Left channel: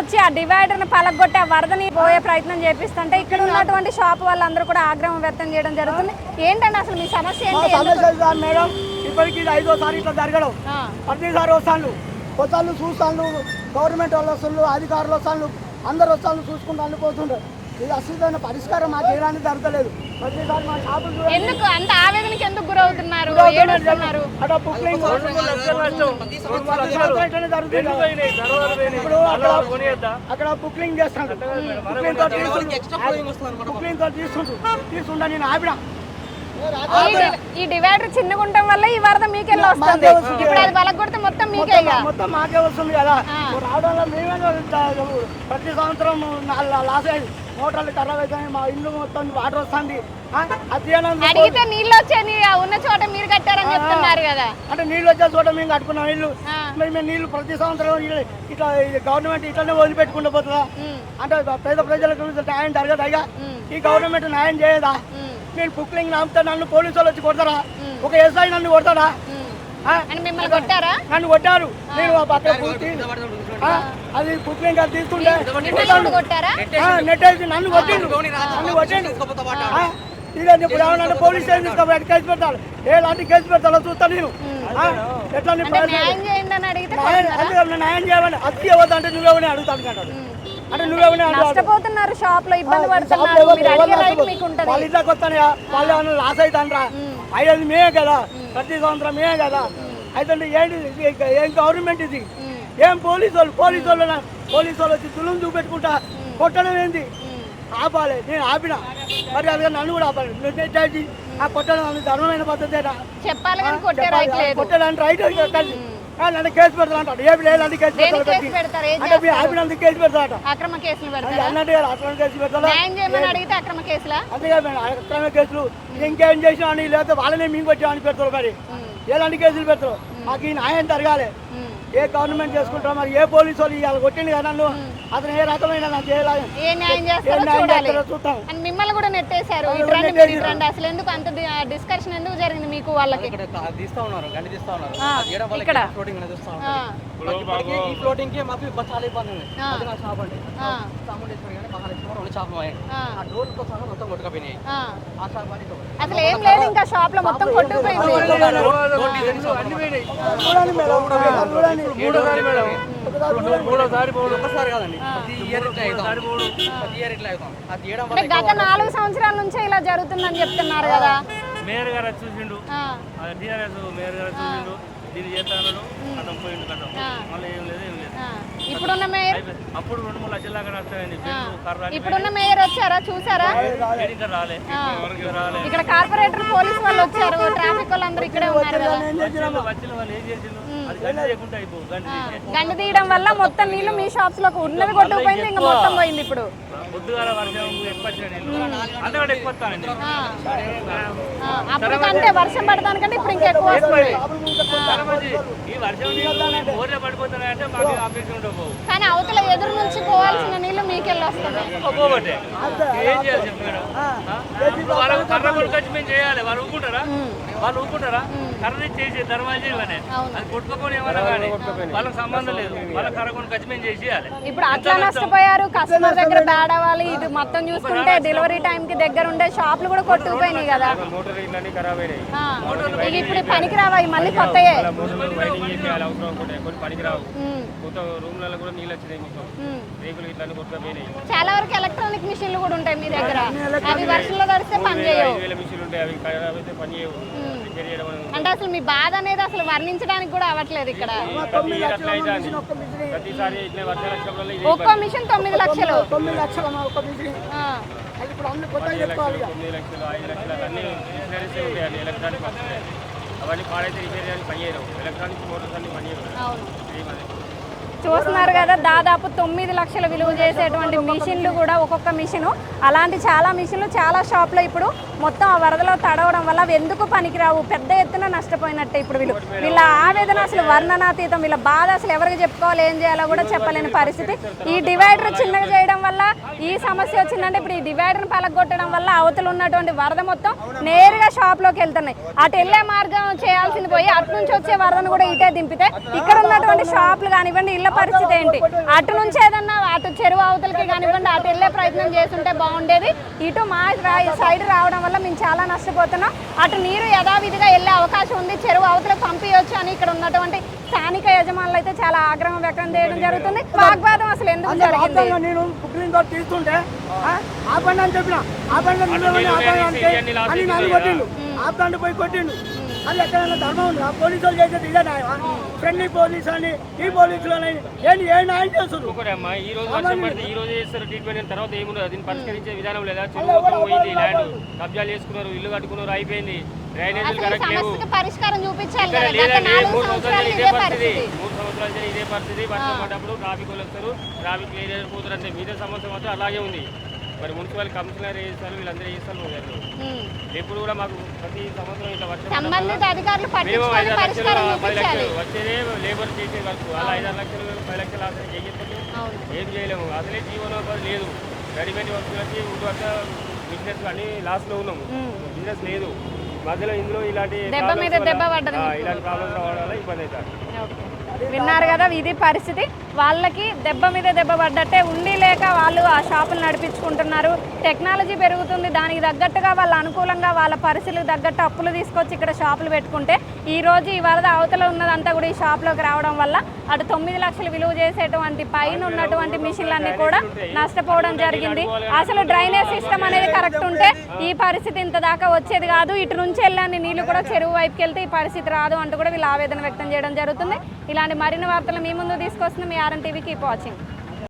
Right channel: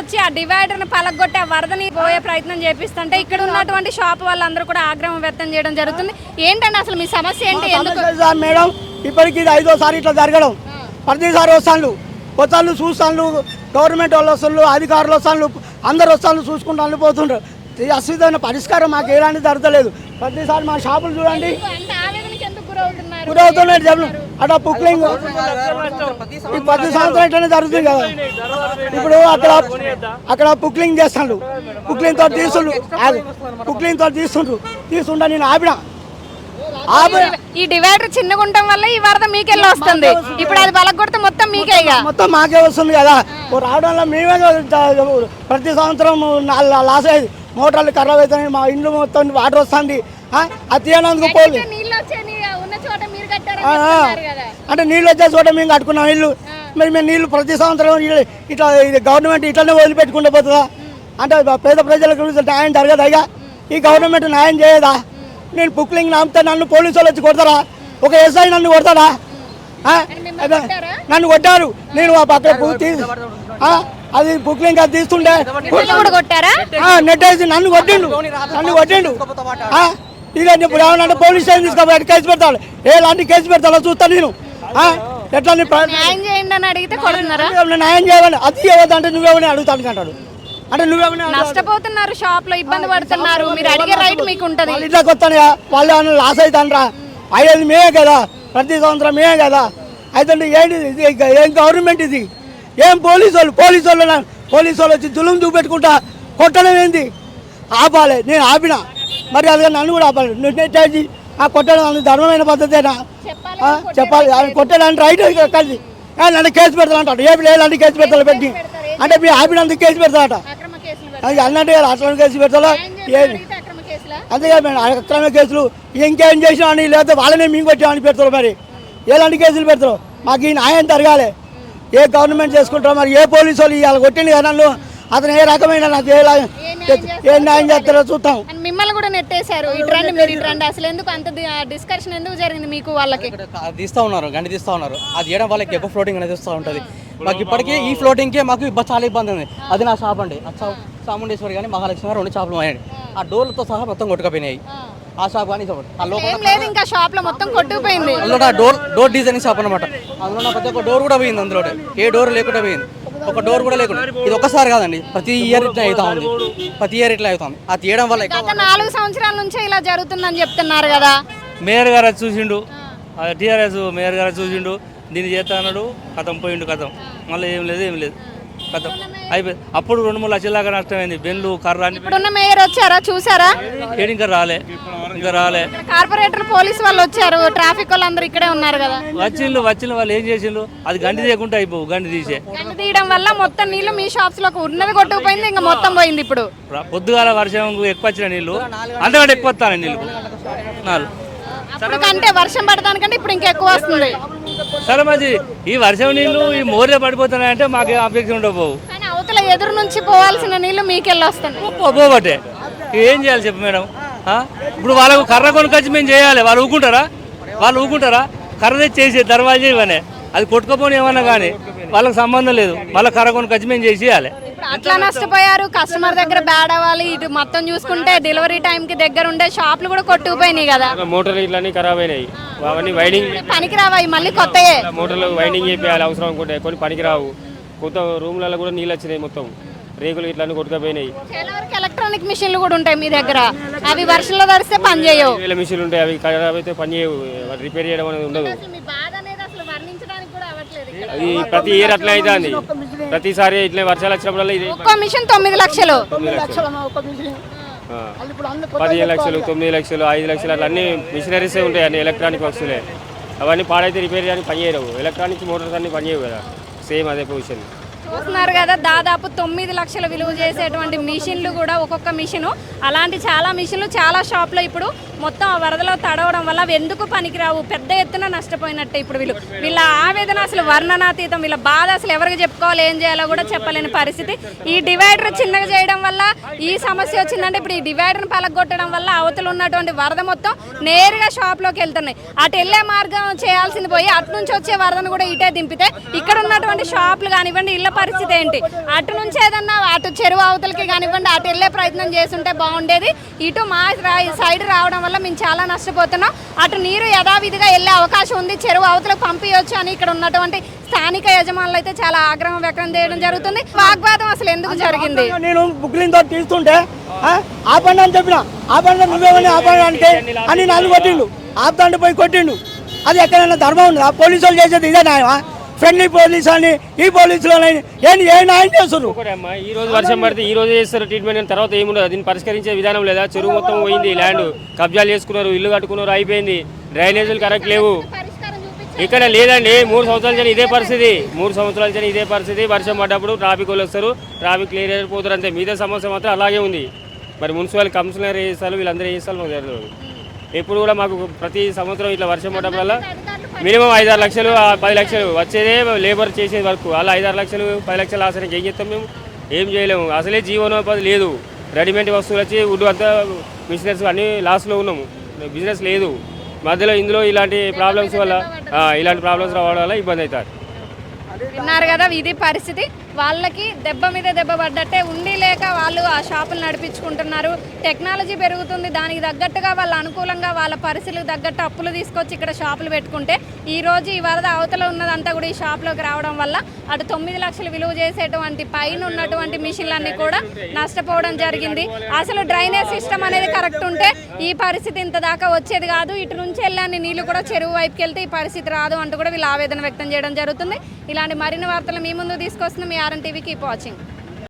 వచ్చి ఆ డివైడర్ను పలగొట్టి ఆ వరదని పోయే ప్రయత్నం చేపిస్తుంటే ఇక్కడ ఉన్నటువంటి షాప్ వాళ్ళందరూ కూడా ఆగ్రహం వ్యక్తం చేయడం జరుగుతుంది. ఏంటండి అసలు మీ సమస్య ఏంటి? సార్ మేడం ఇప్పటికి ఇది ఐదోసారి ఇట్లా జరగడం. ప్రతిసారి వస్తాను వస్తాను చూస్తాను గవర్నమెంట్ వాళ్ళు వస్తాను అధికారులు వస్తాను అందరు వస్తాను చూసుకుంటాను పోతుంటారు ఈ అశ్వితమైన పరిష్కారం మాకు ఎలాంటి జరగలేదు. ప్రతిసారి మా షాపులు చూడండి. ఎందుకు? అంత ఆవేదనకి ఎందుకు గురవుతున్నారు? గురవుతున్నాయి జనం అట్లా బుక్లింగ్ ఈ ప్రతి సంవత్సరం ఇట్లనే జరుగుతుంది కదా. ఇప్పుడు అక్కడ అక్కడ బుక్లింగ్ చేస్తాడు. బుక్లింగ్తో తీసుండు బుక్లింగ్తో తీసుండ్రు తీసుండ నేను ఆపిన. ఈ డివైడర్ చిన్నగా ఉండటం వల్ల ఈ వరద మీకెళ్ళి వస్తుంది. ఇప్పుడు అది పలగొడితే మొత్తం మీకే మొత్తం మాకే వస్తుంది కదా. రావడం వల్ల మేమే ప్రతి సంవత్సరం లాస్ అయ్యేది. మోటార్లు ఖరాబ్ అవుతాయి మా ఇండ్లు మొత్తం వాటర్ వస్తుంది. ఆ, అది తీయనందుకు పోదు అడిగితే నీళ్ళు వచ్చాయి ఉన్న చోట మీరు కట్టారని చెప్తున్నారు కదా. అంటే నీళ్ళు వచ్చే చోట మేము కట్టుకున్నాం ఇల్లు. మరి మేము నీళ్ళు ప్రతి సంవత్సరం ఇట్లా- ఇది గవర్నమెంట్ ఇట్లనే వదిలిపెట్టుకుంటూ పోతుందా? అంటే పేద ప్రజలకు న్యాయం జరగదా ఇక? ఈ గవర్నమెంట్ న్యాయం చేయదా? నేను బుక్లింగ్ నమ్మితే నన్ను పోలీసు వాళ్ళు వచ్చి కొడతారా? ఒక ఎస్ఐ నన్ను కొడతాడా నన్ను కొట్టారు. నేను ఆ, అది బుక్లింగ్ అది తీస్తుండే నెట్ వేసి నన్ను కొట్టిండు. నన్ను కొట్టిండు. ఇక ఇప్పుడు ఏమన్నా పోలీస్ స్టేషన్ తీసుకోబోయి కేసు పెడతాడు? ఎలాంటి కేసు పెడతాడో చూస్తాను నేను. ఎట్లా న్యాయం చేయండి అని అడిగితే న్యాయం చేయాలని అది ఇవ్వద్దు అంటే నువ్వేమని అడుగుతాను అంటాడు. అంటే నువ్వేమని నష్టపోతున్నారు షాప్లో ఇబ్బంది పడుతున్నారు. మీరు అడిగే రైట్ మీకు ఉంటది వాళ్ళ ఏమన్నా లాస్ అవుతానరా అయ్యేది మేమే కదా. ప్రతి సంవత్సరం మేమే కదా. అయితే ఏంటి ఏం గవర్నమెంట్ ఇది? ఏం పోలీసు వాళ్ళు? పోలీసు వాళ్ళు పోలీసు వాళ్ళు వచ్చి దులుం చూపెట్టుకుంటా కొట్టడం ఏంది? ఆపాలి. నేను ఆపిన. మరి అదిగా నన్ను కూడా ఆపాలి. నువ్వు నెట్టాచి ఆ కొట్టడం ధర్మమైన పద్ధతేనా? చెప్పాలి అది కొట్టడానికి రైట్ కలిసి. నన్ను కేసు పెడతానంటాడు ఏమి లేదంటే కేసు పెడతాను పెట్టి? అంటే మీ ఆపినందుకు కేసు పెడతాడట. అక్రమ పెడతారు. అది అన్నట్టు అట్లా కేసు పెడతా అక్రమ అంతేగా మేడం అక్రమ కేసులు ఇంకేం చేసినా అని లేకపోతే వాళ్ళనే మేము కొట్టామని పెడతారు మరి. ఎలాంటి కేసులు పెడతారు? మాకు ఈ న్యాయం జరగాలి. ఏ గవర్నమెంట్ చేసుకుంటారో మరి ఏ పోలీసు వాళ్ళు ఇవాళ కొట్టింది కదా నన్ను? అతను ఏ రకమైన నాకు ఏ ఏ న్యాయం ఏ న్యాయం చేస్తారో చూస్తాం మిమ్మల్ని కూడా నెట్టేశారు. ఇటు రండి మీరు అసలు ఎందుకు అంత డిస్కషన్ ఎందుకు జరిగింది మీకు వాళ్ళకి? తీస్తా ఉన్నారు గండి తీస్తా ఉన్నారు. అది చేయడం వల్ల ఎప్పుడు ఫ్లోటింగ్ అనేది వస్తూ ఉంటుంది. మాకు ఇప్పటికే ఈ ఫ్లోటింగ్ కే మాకు చాలా ఇబ్బంది ఉంది. అది నా షాప్ అండి. చాముండేశ్వరి కానీ మహాలక్ష్మి రెండు షాపులు మాయండి. ఆ. డోర్లతో సహా మొత్తం కొట్టుకపోయినాయి. ఆ. ఆ షాప్ కానీ ఇంకా షాప్లో మొత్తం కొట్టుకుపోయింది. డోర్ డోర్ డిజైనింగ్ షాప్ అనమాట ఒక డోర్ కూడా పోయింది అందులో ఏ డోర్ లేకుండా పోయింది. ఒక డోర్ కూడా లేకుండా. ఇది ఒక్కసారి కాదండి ప్రతి ఇయర్ ఇట్లా అవుతా ఉంది. ప్రతి ఇయర్ ఇట్లా అవుతుంది అది తీయడం వల్ల గత నాలుగు సంవత్సరాల నుంచే ఇలా జరుగుతుందని చెప్తున్నారు కదా. మేయర్ గారు అది చూసిండు. ఆ. టీఆర్ఎస్ మేయర్ గారు చూసిండు. దీన్ని చేస్తా అన్నాడు కథం పోయిండు కథం. మళ్ళీ ఏం లేదు ఏం లేదు. అప్పుడు రెండు మూడు లక్షల దాకా నష్టమైంది బెల్లు కర్ర ఇప్పుడున్న మేయర్ వచ్చారా? చూసారా? ఇంకా రాలే. ఇంకా రాలే. ఇక్కడ కార్పొరేటర్ పోలీస్ వాళ్ళు వచ్చారు. ట్రాఫిక్ వాళ్ళందరూ ఇక్కడే ఉన్నారు కదా. వచ్చిండు వచ్చిన వాళ్ళు ఏం చేసిండు అది గండి తీయకుండా అయిపోవు గండి తీసే. గంట తీయడం వల్ల మొత్తం నీళ్ళు మీ షాప్స్లోకి ఉన్నది కొట్టుకుపోయింది ఇంకా మొత్తం పోయింది ఇప్పుడు. పొద్దుగాల వర్షం ఎక్కువ వచ్చిన నీళ్ళు అంతకంటే ఎక్కువ వస్తాను నీళ్ళు అప్పుడు కంటే వర్షం పడడానికంటే ఇప్పుడు ఇంకా ఎక్కువ వస్తుంది. సరే మరి ఈ వర్షం నీళ్ళు ఈ మోరే పడిపోతున్నాయంటే మాకు అపేక్ష ఉండకపోవు కానీ అవతల ఎదురు నుంచి పోవాల్సిన నీళ్ళు మీకెళ్ళి వస్తున్నాయి పోబట్టే ఏం చేయాలి చెప్పు మేడం? ఇప్పుడు వాళ్ళకు కర్ర కొనుకొచ్చి మేము చేయాలి. వాళ్ళు ఊకుంటారా? వాళ్ళు ఊకుంటారా? కర్ర చేసే దర్వాజా ఇవనే అది కొట్టుకపోని ఏమన్నా కానీ వాళ్ళకి సంబంధం లేదు. వాళ్ళ కర్ర కొనుకొచ్చి మేము చేసేయాలి. ఇప్పుడు అట్లా నష్టపోయారు. కస్టమర్ దగ్గర బ్యాడ్ అవ్వాలి. ఇటు మొత్తం చూసుకుంటే డెలివరీ టైం కి దగ్గర ఉండే షాపులు కూడా కొట్టుకుపోయినాయి కదా. మోటార్ ఇట్లన్నీ ఖరాబ్ అయినాయి. అవన్నీ వైండింగ్ ఇప్పుడు పనికి రావాయి మళ్ళీ కొత్తయే. మోటార్లు వైండింగ్ చేయాలి అవసరం అనుకుంటే కొన్ని పనికిరావు. కొత్త రూమ్లలో కూడా నీళ్ళు వచ్చినాయి మొత్తం. రేకులు ఇట్లన్నీ కొట్టుకపోయినాయి. చాలా వరకు ఎలక్ట్రానిక్ మిషన్లు కూడా ఉంటాయి మీ దగ్గర. అవి వర్షంలో తడిస్తే పని చేయవు. వీళ్ళ మిషన్లు ఉంటాయి అవి ఖరాబ్ అయితే పని చేయవు. రిపేర్ చేయడం అనేది ఉండదు. అసలు మీ బాధ అనేది అసలు వర్ణించడానికి కూడా అవ్వట్లేదు ఇక్కడ. ప్రతి ఇయర్ అట్లా అవుతుంది. ప్రతిసారి ఇట్లా వర్షాలు వచ్చినప్పుడల్లా ఇది ఒక్కో మిషన్ తొమ్మిది లక్షలు. పదిహేను లక్షలు తొమ్మిది లక్షలు ఐదు లక్షలు అట్లా అన్ని మిషనరీస్ ఉంటాయి అన్ని ఎలక్ట్రానిక్ వస్తువులే అవన్నీ పాడైతే రిపేర్ చేయడానికి పని చేయవు ఎలక్ట్రానిక్ మోటార్స్ అన్ని పని చేయవు కదా. సేమ్ అదే పొజిషన్ చూస్తున్నారు కదా దాదాపు తొమ్మిది లక్షల విలువ చేసేటువంటి మిషన్లు కూడా ఒక్కొక్క మిషను. అలాంటి చాలా మిషన్లు చాలా షాప్లో ఇప్పుడు మొత్తం ఆ వరదలో తడవడం వల్ల అవి ఎందుకు పనికిరావు? పెద్ద ఎత్తున నష్టపోయినట్టే ఇప్పుడు వీళ్ళు. వీళ్ళ ఆవేదన అసలు వర్ణనాతీతం. వీళ్ళ బాధ అసలు ఎవరికి చెప్పుకోవాలి ఏం చేయాలో కూడా చెప్పలేని పరిస్థితి. ఈ డివైడర్ చిన్నగా చేయడం వల్ల ఈ సమస్య వచ్చిందంటే ఇప్పుడు ఈ డివైడర్ని పలగొట్టడం వల్ల అవతలు ఉన్నటువంటి వరద మొత్తం నేరుగా షాప్లోకి వెళ్తున్నాయి. అటు వెళ్ళే మార్గం చేయాల్సింది పోయి అటు నుంచి వచ్చే వరదను కూడా ఇటే దింపితే ఇక్కడ ఉన్నటువంటి షాపులు కానివ్వండి ఇళ్ళ పరిస్థితి ఏంటి? అటు నుంచి ఏదన్నా అటు చెరువు అవతలకి కానివ్వండి అటు వెళ్ళే ప్రయత్నం చేస్తుంటే బాగుండేది. ఇటు మా సైడ్ రావడం వల్ల మేము చాలా నష్టపోతున్నాం. అటు నీరు యథావిధిగా వెళ్ళే అవకాశం ఉంది. చెరువు అవతలకు పంపించవచ్చు అని ఇక్కడ ఉన్నటువంటి స్థానిక యజమానులు అయితే చాలా ఆగ్రహం వ్యక్తం చేయడం జరుగుతుంది. వాగ్వాదం అసలు ఎందుకు జరిగింది? నేను తీస్తుంటే ఆపండి అని చెప్పిన. ఆపండి అని చెప్పేవాడిని ఆపండి అంటే అని నన్ను కొట్టిండు. పోయి కొట్టిండు. అది ఎక్కడైనా ధర్మం ఉందా? పోలీసు వాళ్ళు చేసేది ఇదే న్యాయమా? ఫ్రెండ్లీ పోలీస్ అని ఈ పోలీసులు అని ఏం ఏ న్యాయం ఈ రోజు వర్షం పడితే ఈ రోజు చేస్తారు ట్రీట్మెంట్ అని తర్వాత ఏముండదు. దీన్ని పరిష్కరించే విధానం లేదా? చెరువు మొత్తం పోయింది ల్యాండ్ కబ్జాలు చేసుకున్నారు ఇల్లు కట్టుకున్నారు అయిపోయింది. డ్రైనేజీలు కరెక్ట్ లేవు. ఇక్కడ లేదండి మూడు సంవత్సరాల ఇదే పరిస్థితి మూడు సంవత్సరాల నుంచి ఇదే పరిస్థితి. వర్షం పడ్డప్పుడు ట్రాఫిక్ వాళ్ళు వస్తారు ట్రాఫిక్ క్లియర్ అయిపోతారు అంతే. మిగతా సమస్య మాత్రం అలాగే ఉంది. మరి మున్సిపల్ కమిషనర్ ఏ చేస్తారు వీళ్ళందరూ ఏ చేస్తారు మాకు ఎప్పుడు కూడా మాకు ప్రతి సంవత్సరం ఇట్లా వర్షం పడడం వల్ల మినిమం ఐదారు లక్షలు పది లక్షలు వచ్చేదే లేబర్ చేసే వరకు. అలా ఐదారు లక్షలు పది లక్షలు ఆసరికి ఏం చేస్తాం మేము? ఏం చేయలేము. అసలే జీవనోపాధి లేదు. రెడీమేడ్ వస్తువులు వచ్చి వుడ్ అంతా బిజినెస్ అన్ని లాస్లో ఉన్నాము. బిజినెస్ లేదు. మధ్యలో ఇందులో ఇలాంటి ప్రాబ్లమ్స్ వల్ల ఇలాంటి ప్రాబ్లమ్స్ రావడం వల్ల ఇబ్బంది అవుతారు. విన్నారు కదా ఇది పరిస్థితి. వాళ్ళకి దెబ్బ మీద దెబ్బ పడ్డట్టే ఉండి లేక వాళ్ళు ఆ షాపులు నడిపించుకుంటున్నారు. టెక్నాలజీ పెరుగుతుంది దానికి తగ్గట్టుగా వాళ్ళ అనుకూలంగా వాళ్ళ పరిస్థితులకు తగ్గట్టు అప్పులు తీసుకొచ్చి ఇక్కడ షాపులు పెట్టుకుంటే ఈ రోజు ఈ వరద అవతల ఉన్నదంతా కూడా ఈ షాప్లోకి రావడం వల్ల అటు తొమ్మిది లక్షలు విలువ చేసేటువంటి పైన ఉన్నటువంటి మిషన్లన్నీ కూడా నష్టపోవడం జరిగింది. అసలు డ్రైనేజ్ సిస్టమ్ అనేది కరెక్ట్ ఉంటే ఈ పరిస్థితి ఇంత దాకా వచ్చేది కాదు. ఇటు నుంచి వెళ్ళని నీళ్ళు కూడా చెరువు వైపుకి వెళ్తే ఈ పరిస్థితి రాదు అంటూ కూడా వీళ్ళు ఆవేదన వ్యక్తం చేయడం జరుగుతుంది. ఇలాంటి మరిన్ని వార్తలు మీ ముందు తీసుకొస్తుంది మీ ఆర్ఎన్ టీవీ కీప్ వాచింగ్